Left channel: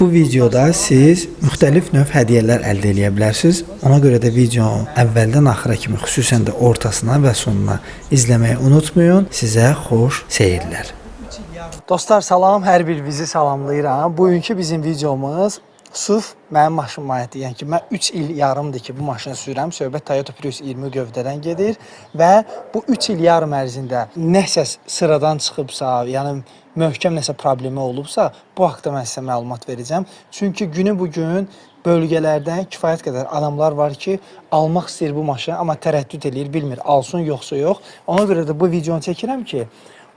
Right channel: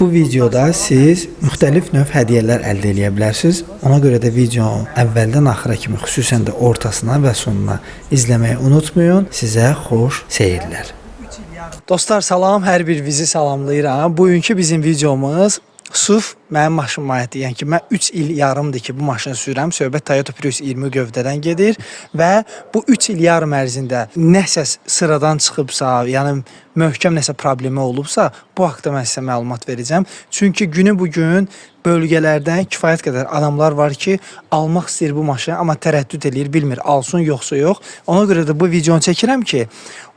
Bu videoda siz müxtəlif növ hədiyyələr əldə edə bilərsiniz. Ona görə də videonu əvvəldən axıra kimi, xüsusən də ortasına və sonuna izləməyi unutmayın. Sizə xoş seyirlər. Dostlar salam, hər birinizi salamlayıram. Bugünkü bizim videomuz sırf mənim maşınıma aiddir. Yəni ki, mən 3 il yarımdır ki, bu maşını sürürəm. Söhbət Toyota Prius 20 gövdədən gedir və bu 3 il yarım ərzində nəsə sıradan çıxıbsa, yəni möhkəm nəsə problemi olubsa, bu haqqda mən sizə məlumat verəcəm. Çünki günü bugün bölgələrdə kifayət qədər adamlar var ki, almaq istəyir bu maşını, amma tərəddüd eləyir, bilmir alsın yoxsa yox. Ona görə də bu videonu çəkirəm ki,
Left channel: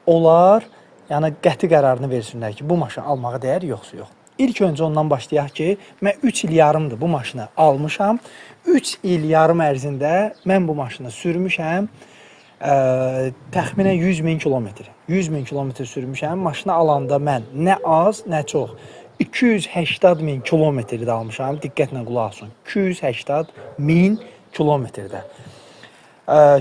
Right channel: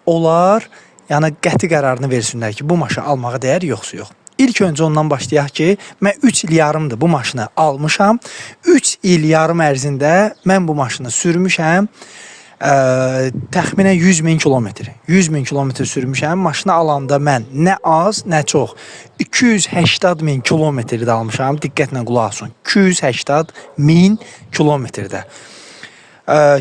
onlar yəni qəti qərarını versinlər ki, bu maşını almağa dəyər yoxsa yox. İlk öncə ondan başlayaq ki, mən 3 il yarımdır bu maşını almışam. 3 il yarım ərzində mən bu maşını sürmüşəm. Təxminən 100.000 kilometr. 100.000 kilometr sürmüşəm. Maşını alanda mən nə az, nə çox 280.000 kilometrdə almışam. Diqqətlə qulaq asın. 280.000 kilometrdə.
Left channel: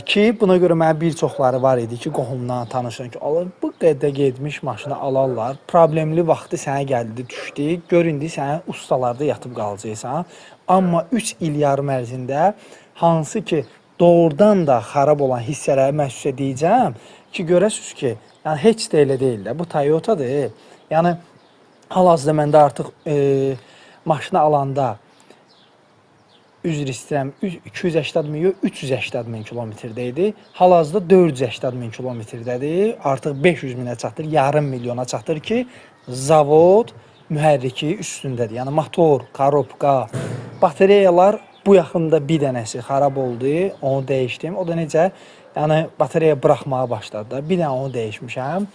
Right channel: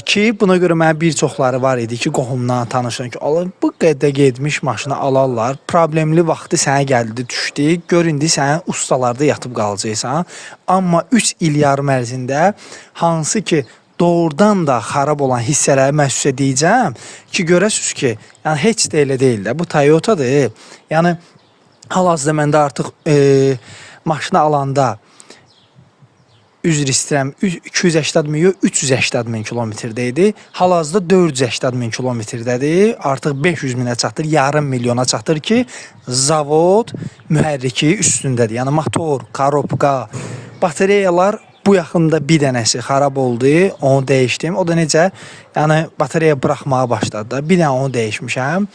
Ki buna görə mənə bir çoxları var idi ki, qohumdan, tanışdan ki, bu qədər getmiş maşını alarlar. Problemli vaxtı sənə gəldi, düşdü. Gör indi sən ustalarda yatıb qalacaqsan. Amma 3 il yarım ərzində hansı ki doğrudan da xarab olan hissələri mən sizə deyəcəm ki, görəsiniz ki, yəni heç də elə deyil də. Bu Toyota'dır. Yəni hal-hazırda məndə artıq maşını alanda üzr istəyirəm, 280.000, 380.000 kilometrdəydi. Hal-hazırda 480.000 kilometrdədir. Artıq 500.000-ə çatır, yarım milyona çatır ki, zavod mühərriki üstündədir. Yəni motor, korobka, batareyalar bu yaxında bir dənəsi xarab oldu, onu dəyişdim. O da necə? Yəni batareya buraxmağa başladı da. Bir dənə onu dəyişmişəm.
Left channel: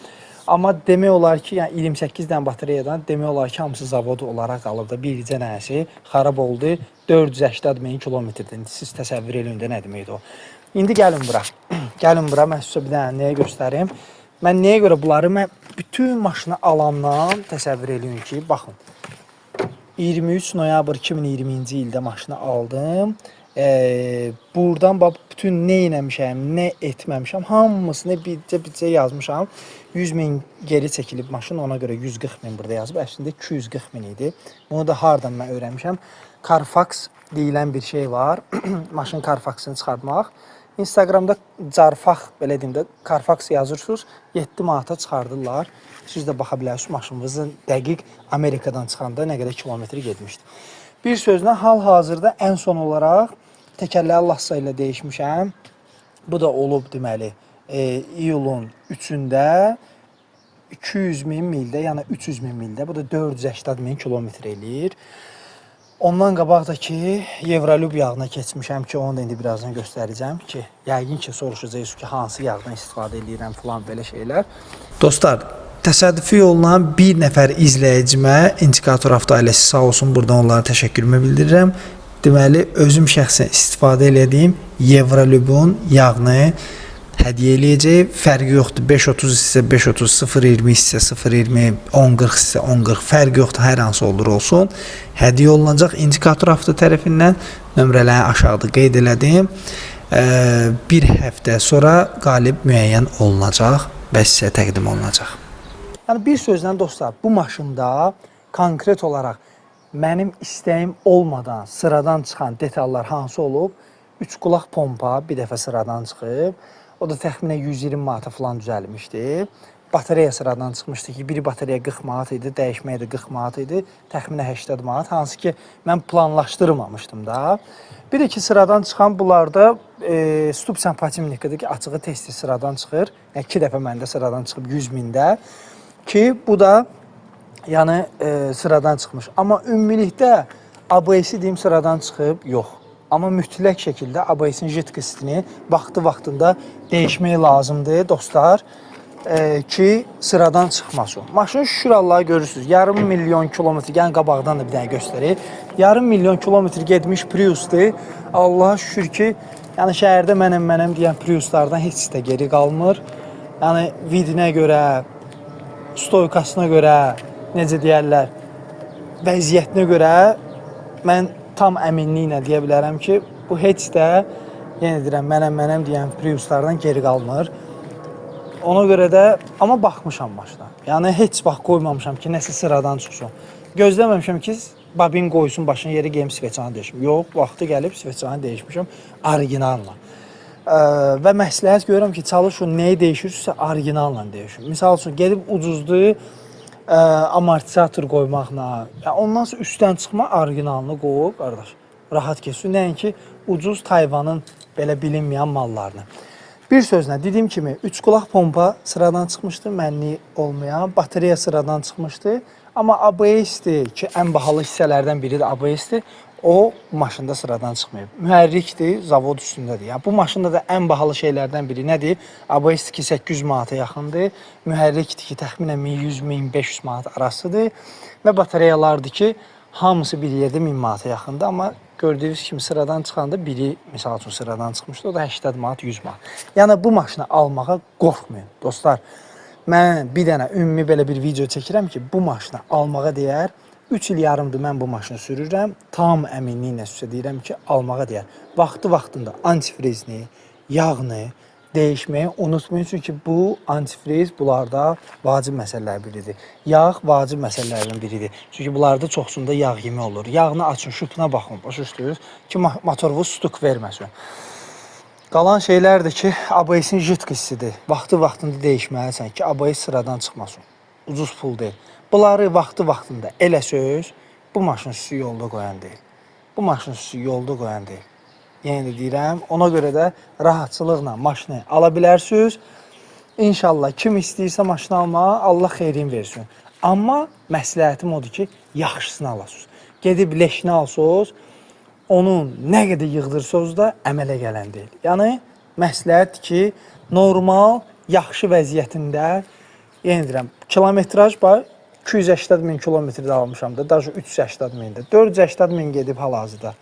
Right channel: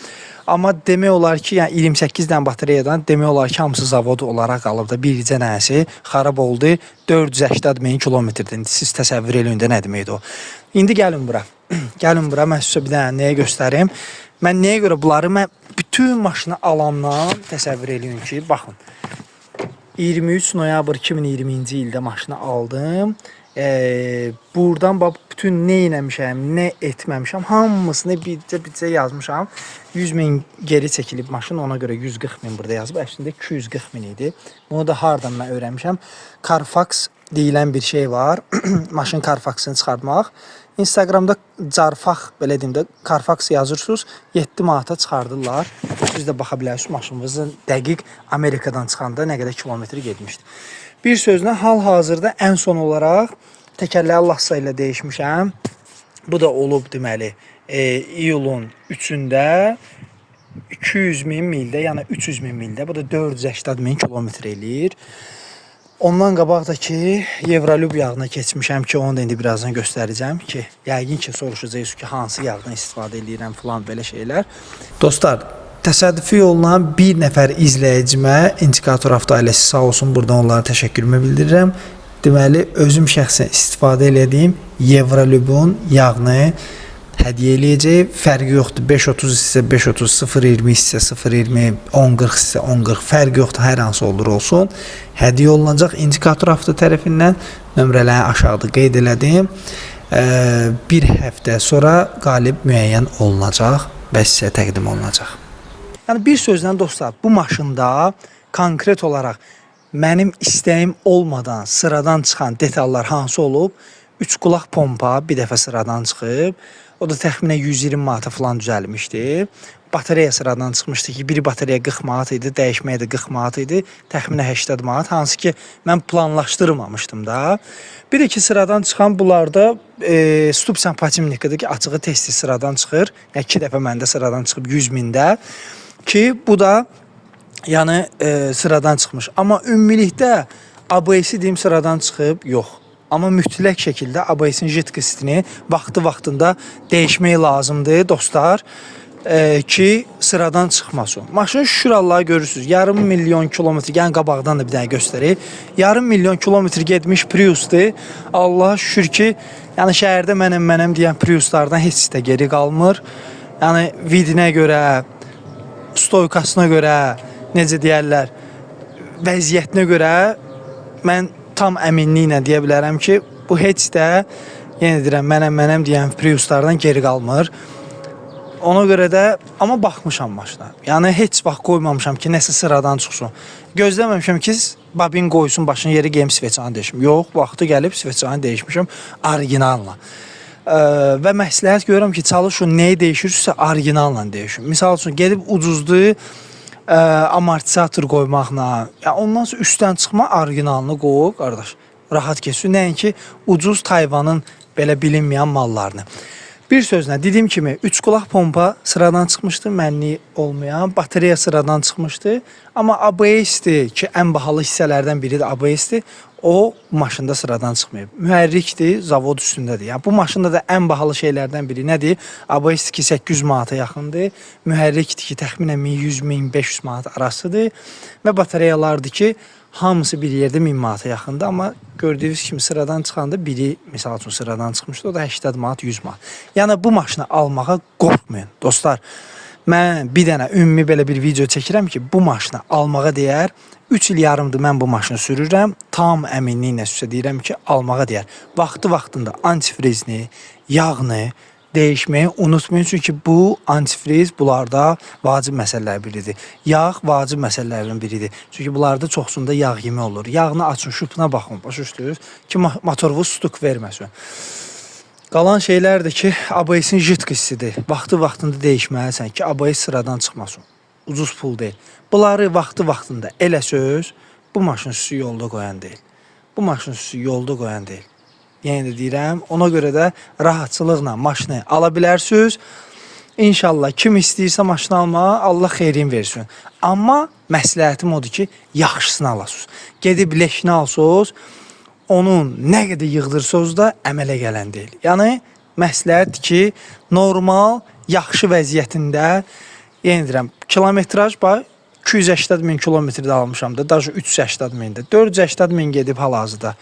Amma demək olar ki, yəni 28 dənə batareyadan demək olar ki, hamısı zavod olaraq qalıb da. Bircə dənəsi xarab oldu. 480.000 kilometrdən. Siz təsəvvür eləyin də nə deməkdir o. İndi gəlin bura. Gəlin bura, mən sizə bir dənə nəyə göstərim. Mən nəyə görə bunları, mən bütün maşını alandan təsəvvür eləyin ki, baxın. 23 noyabr 2020-ci ildə maşını aldım. Buradan bax bütün nə eləmişəm, nə etməmişəm, hamısını bircə yazmışam. 100.000 geri çəkilib maşın, ona görə 140.000 burada yazıb. Əslində 240.000 idi. Bunu da hardan mən öyrənmişəm. Carfax deyilən bir şey var. Maşın Carfax'ını çıxartmaq. Instagramda Carfax, belə deyim də, Carfax yazırsınız, 7 manata çıxardırlar. Siz də baxa bilərsiniz maşınımızın dəqiq Amerikadan çıxanda nə qədər kilometr getmişdi. Bir sözlə, hal-hazırda ən son olaraq təkərləri Lassa ilə dəyişmişəm. Bu da olub deməli, iyulun 3-də 200.000 mildə, yəni 300.000 mildə. Bu da 480.000 kilometr eləyir. Ondan qabaq da ki, Evrolub yağına keçmişəm ki, onu da indi birazdan göstərəcəm ki, yəqin ki, soruşacaqsınız ki, hansı yağdan istifadə edirəm falan belə şeylər. Dostlar, təsadüfi yolla bir nəfər izləyicimə İndikator Avto ailəsi sağ olsun, buradan onlara təşəkkürümü bildirirəm. Deməli, özüm şəxsən istifadə elədiyim Evrolubun yağını hədiyyə eləyəcək. Fərqi yoxdur. 5.30 isə 5.30, 0.20 isə 0.20, 10.40 isə 10.40. Fərqi yoxdur. Hər hansı olur olsun. Hədiyyə olunacaq İndikator Avto tərəfindən. Nömrələrini aşağıda qeyd elədim. Bir həftə sonra qalib müəyyən olunacaq və sizə təqdim olunacaq. Yəni bir sözlə dostlar, bu maşında konkret olaraq mənim istəyim olmadan sıradan çıxan detallar hansı olub? 3 qulaq pompa bir dəfə sıradan çıxıb. O da təxminən 120 manata falan düzəlmişdi. Batareya sıradan çıxmışdı ki, biri batareya 40 manat idi, dəyişməyə də 40 manat idi. Təxminən 80 manat, hansı ki, mən planlaşdırmamışdım da. Bir də ki, sıradan çıxan bunlarda stup sempatimnikadır ki, açığı tez-tez sıradan çıxır. Yəni 2 dəfə məndə sıradan çıxıb 100.000-də. Ki, bu da yəni sıradan çıxmış. Amma ümumilikdə ABS-i deyim sıradan çıxıb, yox. Amma mütləq şəkildə ABS-in jitkasitini vaxtında dəyişmək lazımdır dostlar ki, sıradan çıxmasın. Maşın şükür Allah'a görürsünüz. Yarım milyon kilometr, yəni qabaqdan da bir dənə göstərək. Yarım milyon kilometr getmiş Prius'dur. Allah'a şükür ki, yəni şəhərdə mənəm deyən Prius'lardan heç də geri qalmır. Yəni vidinə görə, stoykasına görə, necə deyərlər, vəziyyətinə görə mən tam əminliklə deyə bilərəm ki, bu heç də, yenə deyirəm, mənəm deyən Prius'lardan geri qalmır. Ona görə də, amma baxmışam maşına. Yəni heç vaxt qoymamışam ki, nəsə sıradan çıxsın. Gözləməmişəm ki, babin qoysun başına yeri geyim sveçanı dəyişim. Yox, vaxtı gəlib sveçanı dəyişmişəm orijinalla. Və məsləhət görürəm ki, çalışın nəyi dəyişirsə orijinalla dəyişin. Misal üçün gedib ucuzlu amortizator qoymaqla, ondan sonra üstdən çıxma orijinalını qoy, qardaş. Rahat keçsin. Nəinki ucuz Tayvanın belə bilinməyən mallarını. Bir sözlə dediyim kimi 3 qulaq pompa sıradan çıxmışdı, mənli olmayan, batareya sıradan çıxmışdı. Amma ABS-dir ki, ən bahalı hissələrdən biri də ABS-dir. O bu maşında sıradan çıxmayıb. Mühərrikdir, zavod üstündədir. Yəni bu maşında da ən bahalı şeylərdən biri nədir? ABS ki 800 manata yaxındır. Mühərrikdir ki təxminən 1100-1500 manat arasıdır və batareyalardır ki hamısı bir yerdə 1000 manata yaxındır, amma gördüyünüz kimi sıradan çıxanda biri misal üçün sıradan çıxmışdı, o da 80 manat, 100 manat. Yəni bu maşını almağa qorxmayın dostlar. Mən bir dənə ümumi belə bir video çəkirəm ki, bu maşını almağa dəyər. 3 il yarımdır mən bu maşını sürürəm. Tam əminliklə sizə deyirəm ki, almağa dəyər. Vaxtında antifrizni, yağını dəyişməyi unutmayın. Çünki bu antifriz bunlarda vacib məsələlərdən biridir. Yağ vacib məsələlərdən biridir. Çünki bunlarda çoxsunda yağ yemi olur. Yağını açın, şutuna baxın, başa düşdünüz ki, motorunuz stuk verməsin. Qalan şeylər də ki, ABS-in jit qissidir. Vaxtında dəyişməlisən ki, ABS sıradan çıxmasın. Ucuz pul deyil. Bunları vaxtında elə söz, bu maşın sizi yolda qoyan deyil. Bu maşın sizi yolda qoyan deyil. Yəni də deyirəm, ona görə də rahatçılıqla maşını ala bilərsiniz. İnşallah kim istəyirsə maşını almağa Allah xeyrin versin. Amma məsləhətim odur ki, yaxşısını alasınız. Gedib leşini alsınız, onun nə qədər yığdırsınız da əmələ gələn deyil. Yəni məsləhətdir ki, normal, yaxşı vəziyyətində, yenə deyirəm, kilometraj bax 280 min kilometrdə almışam da, daha 380 mində, 480 min gedib hal-hazırda.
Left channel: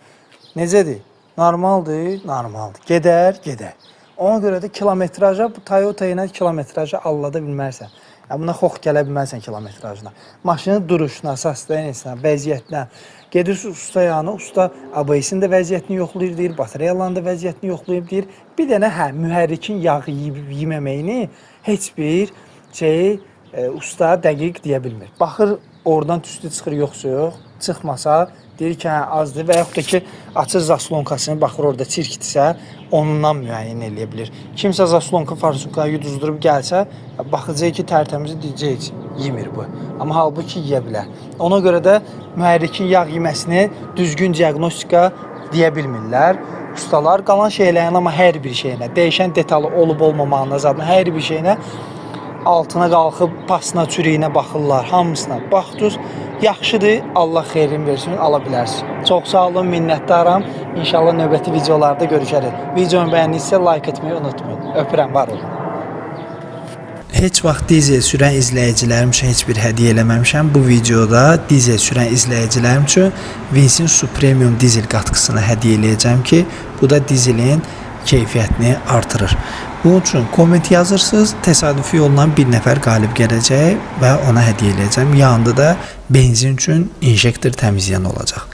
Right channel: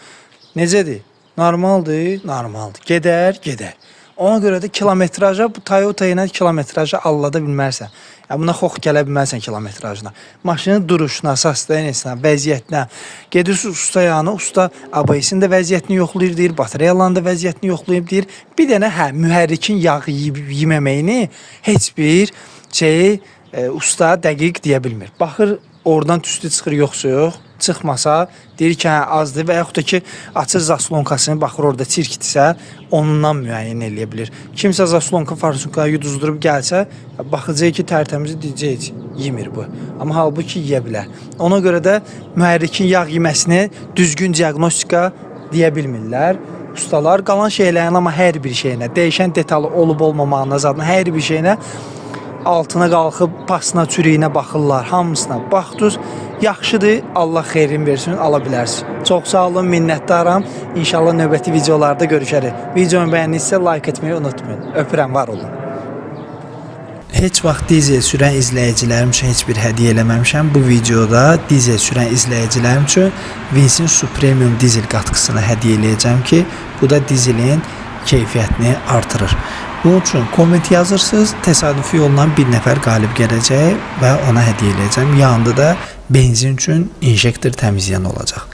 Necədir? Normaldır, normaldır. Gedər. Ona görə də kilometraja, bu Toyota ilə kilometraja allada bilmərsən. Yəni buna xox gələ bilmərsən kilometrajına. Maşının duruşuna, əsaslarına, vəziyyətinə. Gedirsiz usta yanı, usta ABS-in də vəziyyətini yoxlayır deyir, batareyaların da vəziyyətini yoxlayıb deyir. Bir dənə mühərrikin yağı yeməməyini heç bir usta dəqiq deyə bilmir. Baxır, oradan tüstü çıxır, yoxsa yox. Çıxmasa, deyir ki, azdır və yaxud da ki, açır zaslonkasını, baxır orada çirkdirsə, ondan müəyyən eləyə bilir. Kimsə zaslonka farsunkayı yuduzdurub gəlsə, baxacaq ki, tərtəmizi deyəcək, yemir bu. Amma halbuki yeyə bilər. Ona görə də mühərrikin yağ yeməsini düzgün diaqnostika deyə bilmirlər. Ustalar qalan şeylərin, amma hər bir şeyinə, dəyişən detalı olub-olmamağına zadına, hər bir şeyinə altına qalxıb, pasına, çürüyünə baxırlar, hamısına baxdınız. Yaxşıdır, Allah xeyrin versin, ala bilərsiniz. Çox sağ olun, minnətdaram. İnşallah növbəti videolarda görüşərik. Videomu bəyəndinizsə like etməyi unutmayın. Öpürəm, var olun. Heç vaxt dizel sürən izləyicilərim üçün heç bir hədiyyə eləməmişəm. Bu videoda dizel sürən izləyicilərim üçün Vinsin Supremium dizel qatqısını hədiyyə eləyəcəm ki, bu da dizelin keyfiyyətini artırır. Bunun üçün komment yazırsınız, təsadüfi yolla bir nəfər qalib gələcək və ona hədiyyə eləyəcəm. Yanında da benzin üçün injektor təmizləyən olacaq.